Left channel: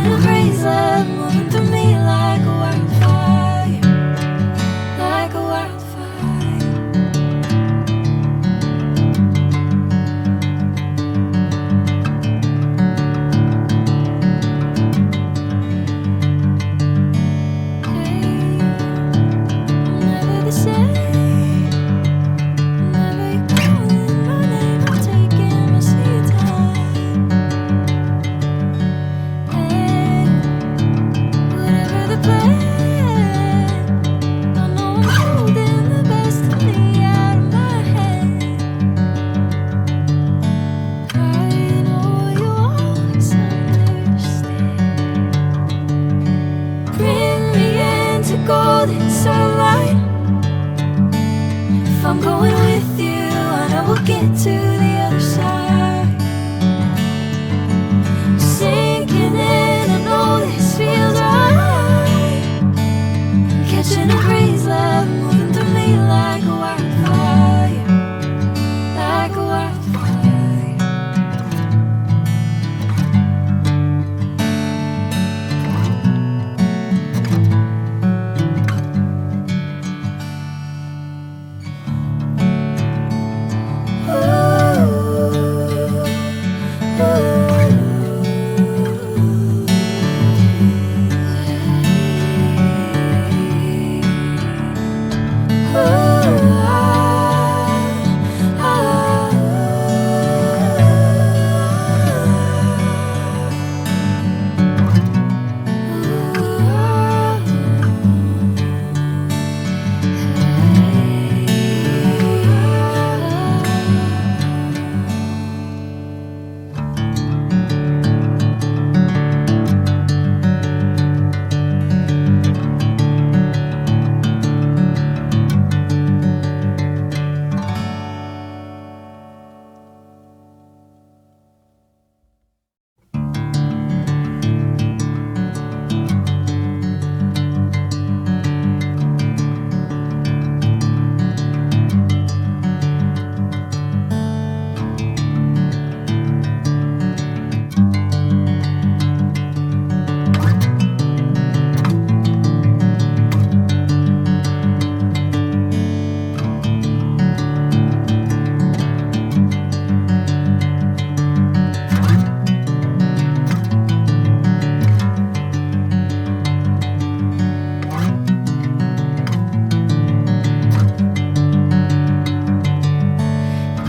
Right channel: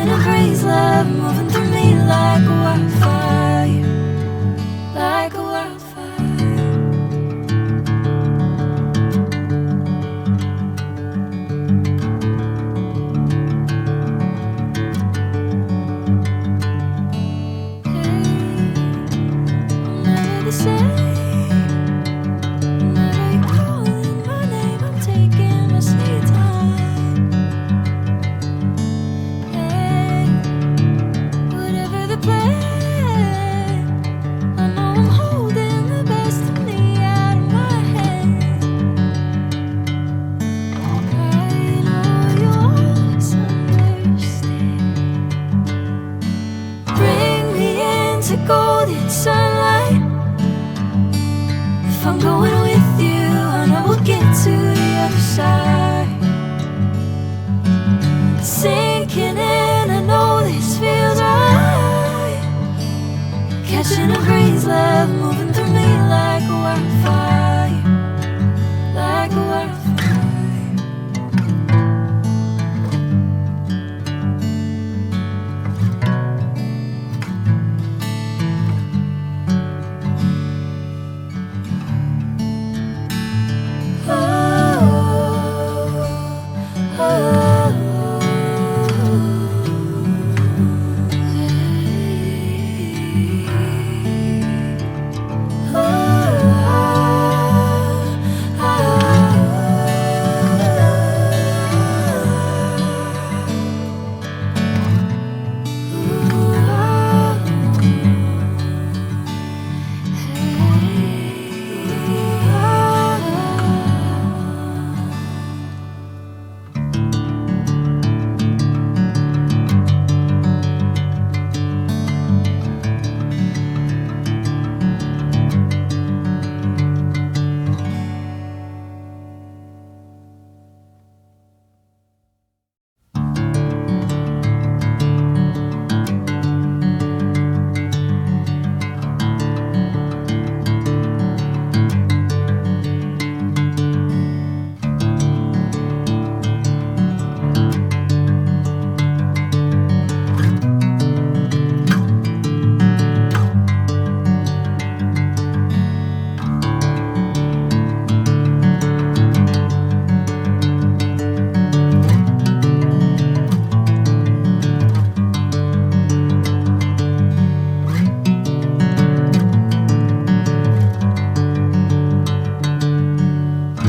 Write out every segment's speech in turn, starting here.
catching a crazy love moving through me like a wildfire, like a wildfire. Hey, I'm never the same. Whenever you're calling my name, I'm taking my sweet time. Hey, whatever the plan, I know I'm holding the best of me out of my hand. I know you always understand. Bring me into golden sunlight. If I'm going with you, I know we'll get to the other side. Sinking in, I know this feels right. Catching a crazy love moving through me like a wildfire, like a wildfire.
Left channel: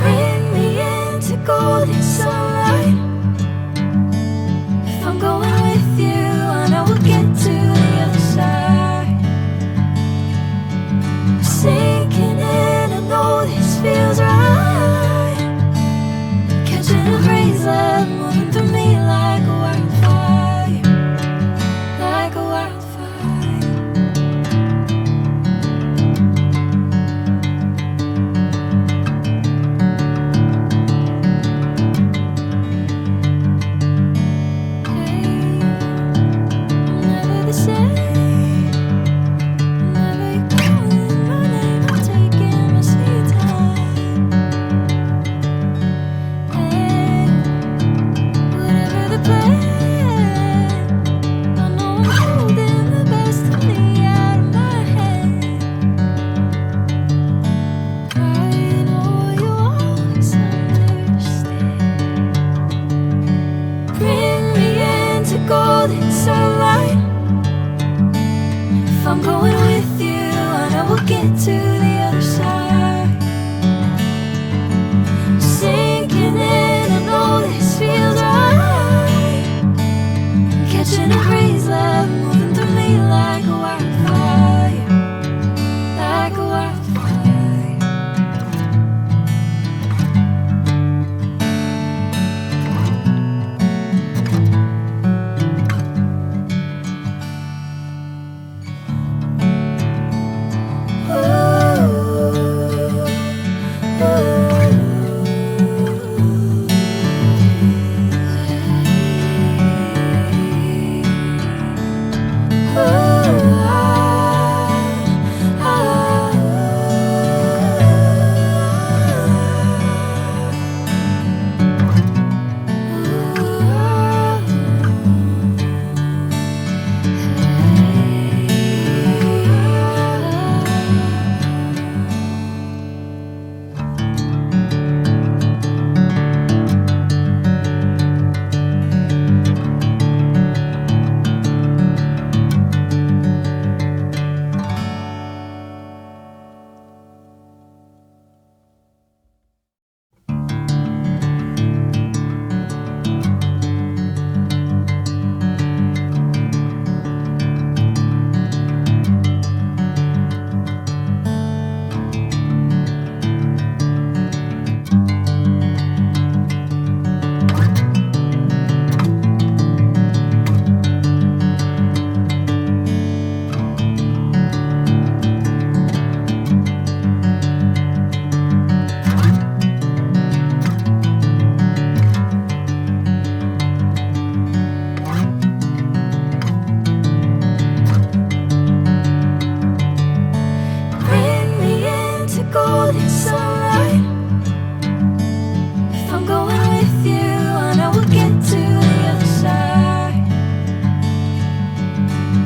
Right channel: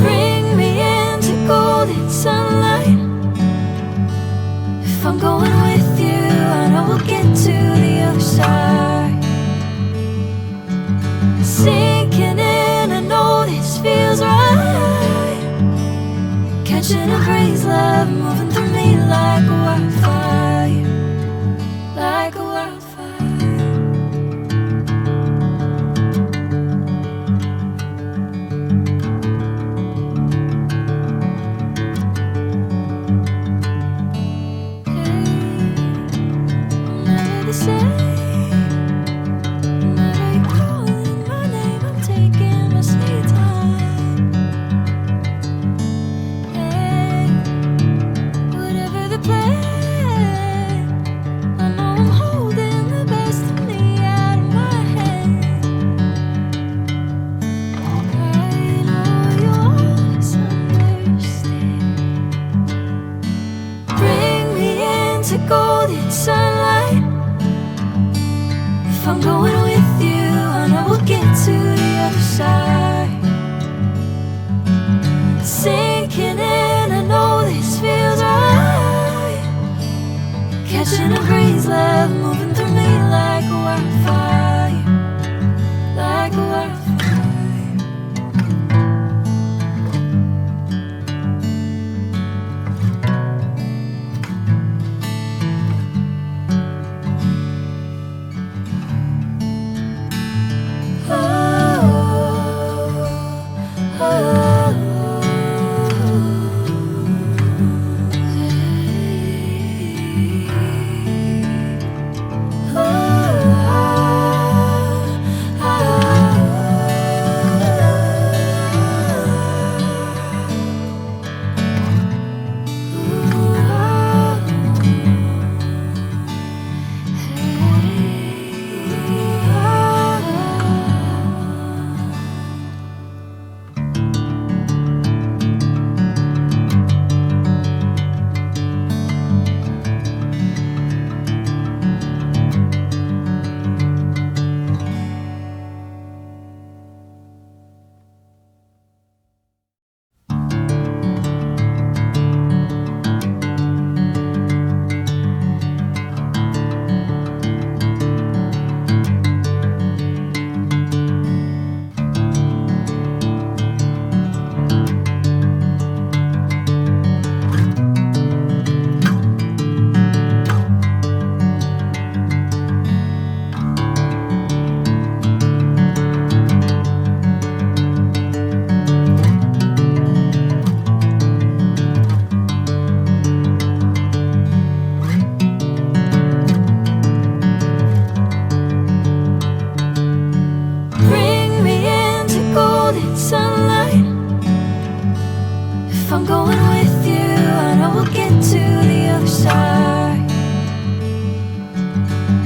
Bring me into golden sunlight. If I'm going with you, I know we'll get to the other side. Sinking in, I know this feels right. Catching a crazy love moving through me like a wildfire, like a wildfire. Hey, I'm never the same. Whenever you're calling my name, I'm taking my sweet time. Hey, whatever the plan, I know I'm holding the best of me out of my hand. I know you always understand. Bring me into golden sunlight. If I'm going with you, I know we'll get to the other side. Sinking in, I know this feels right. Catching a crazy love moving through me like a wildfire, like a wildfire.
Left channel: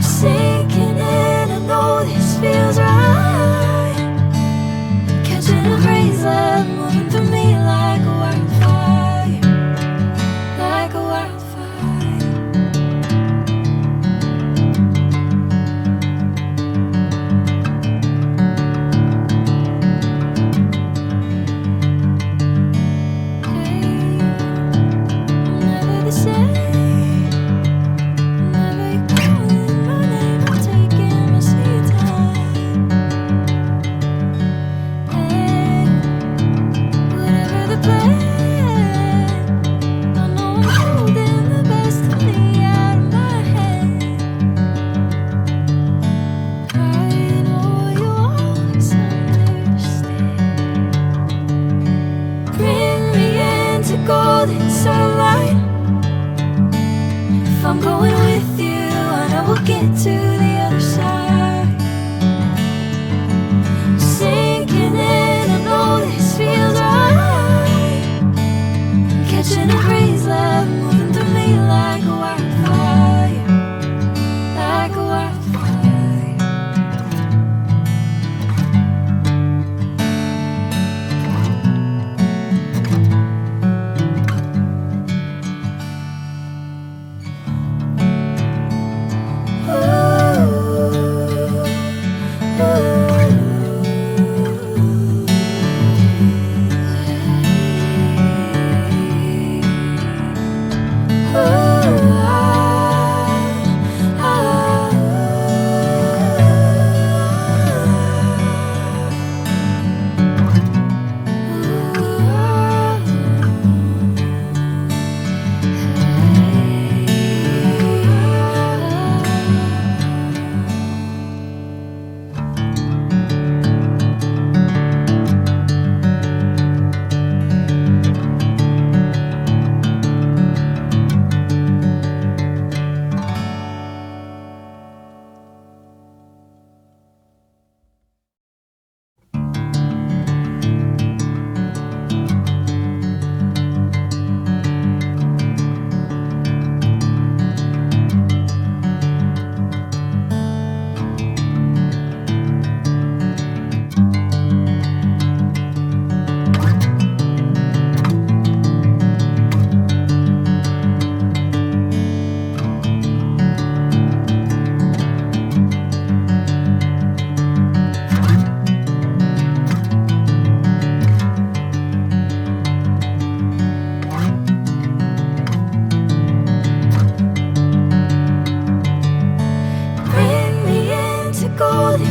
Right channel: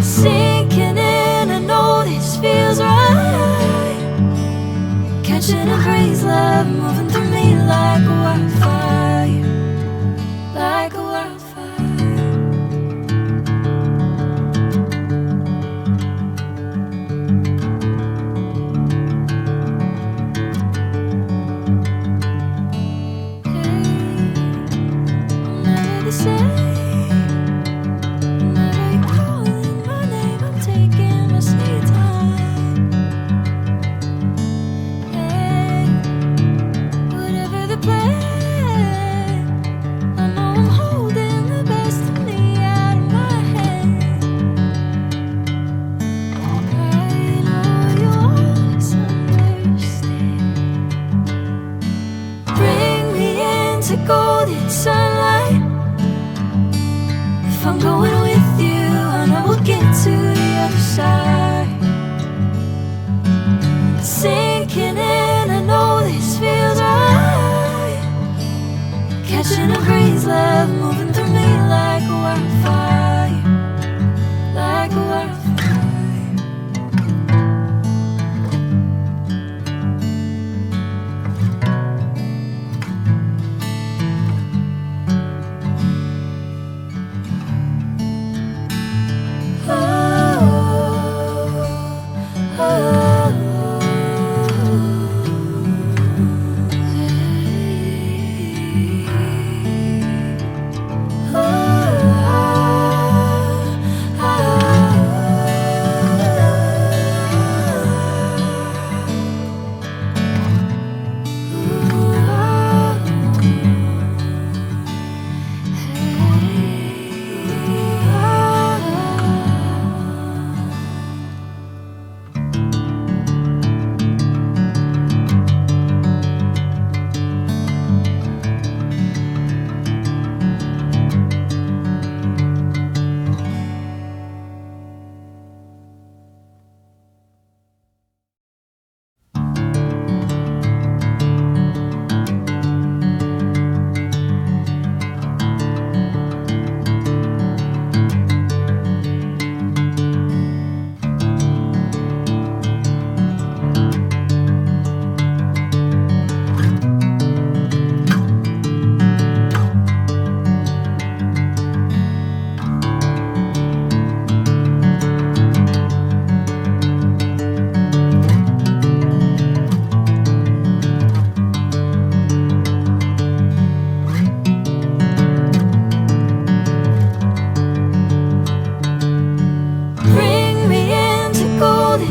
Sinking in, I know this feels right. Catching a crazy love moving through me like a wildfire, like a wildfire. Hey, I'm never the same. Golden sunlight. If I'm going with you, I know we'll get to the other side. Sinking in, I know this feels right. Catching a crazy love moving through me like a wildfire, like a wildfire.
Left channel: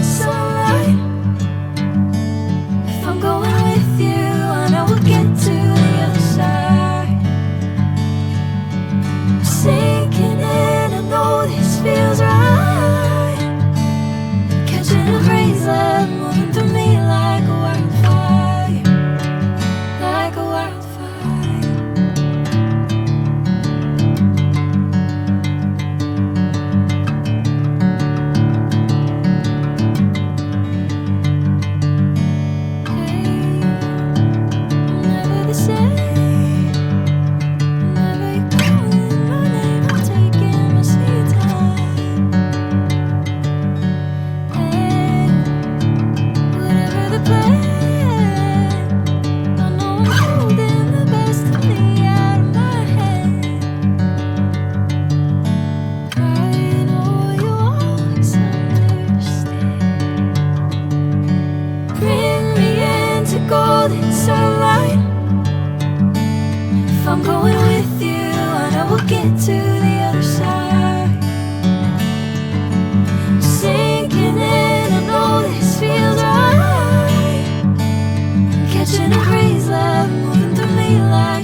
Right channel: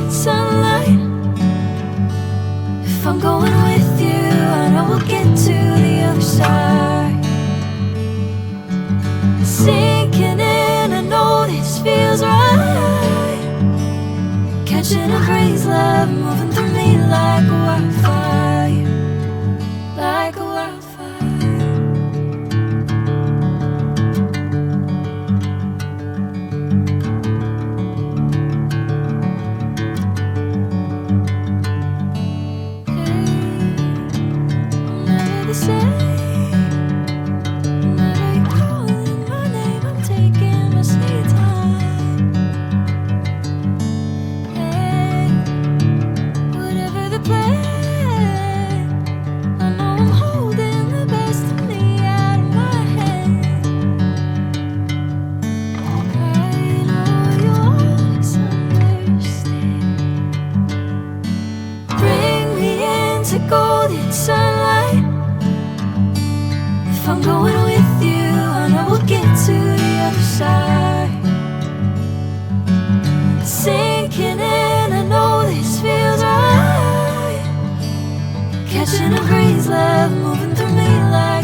Sunlight. If I'm going with you, I know we'll get to the other side. Sinking in, I know this feels right. Catching a crazy love moving through me like a wildfire, like a wildfire. Golden sunlight. If I'm going with you, I know we'll get to the other side. Sinking in, I know this feels right. Catching a crazy love moving through me like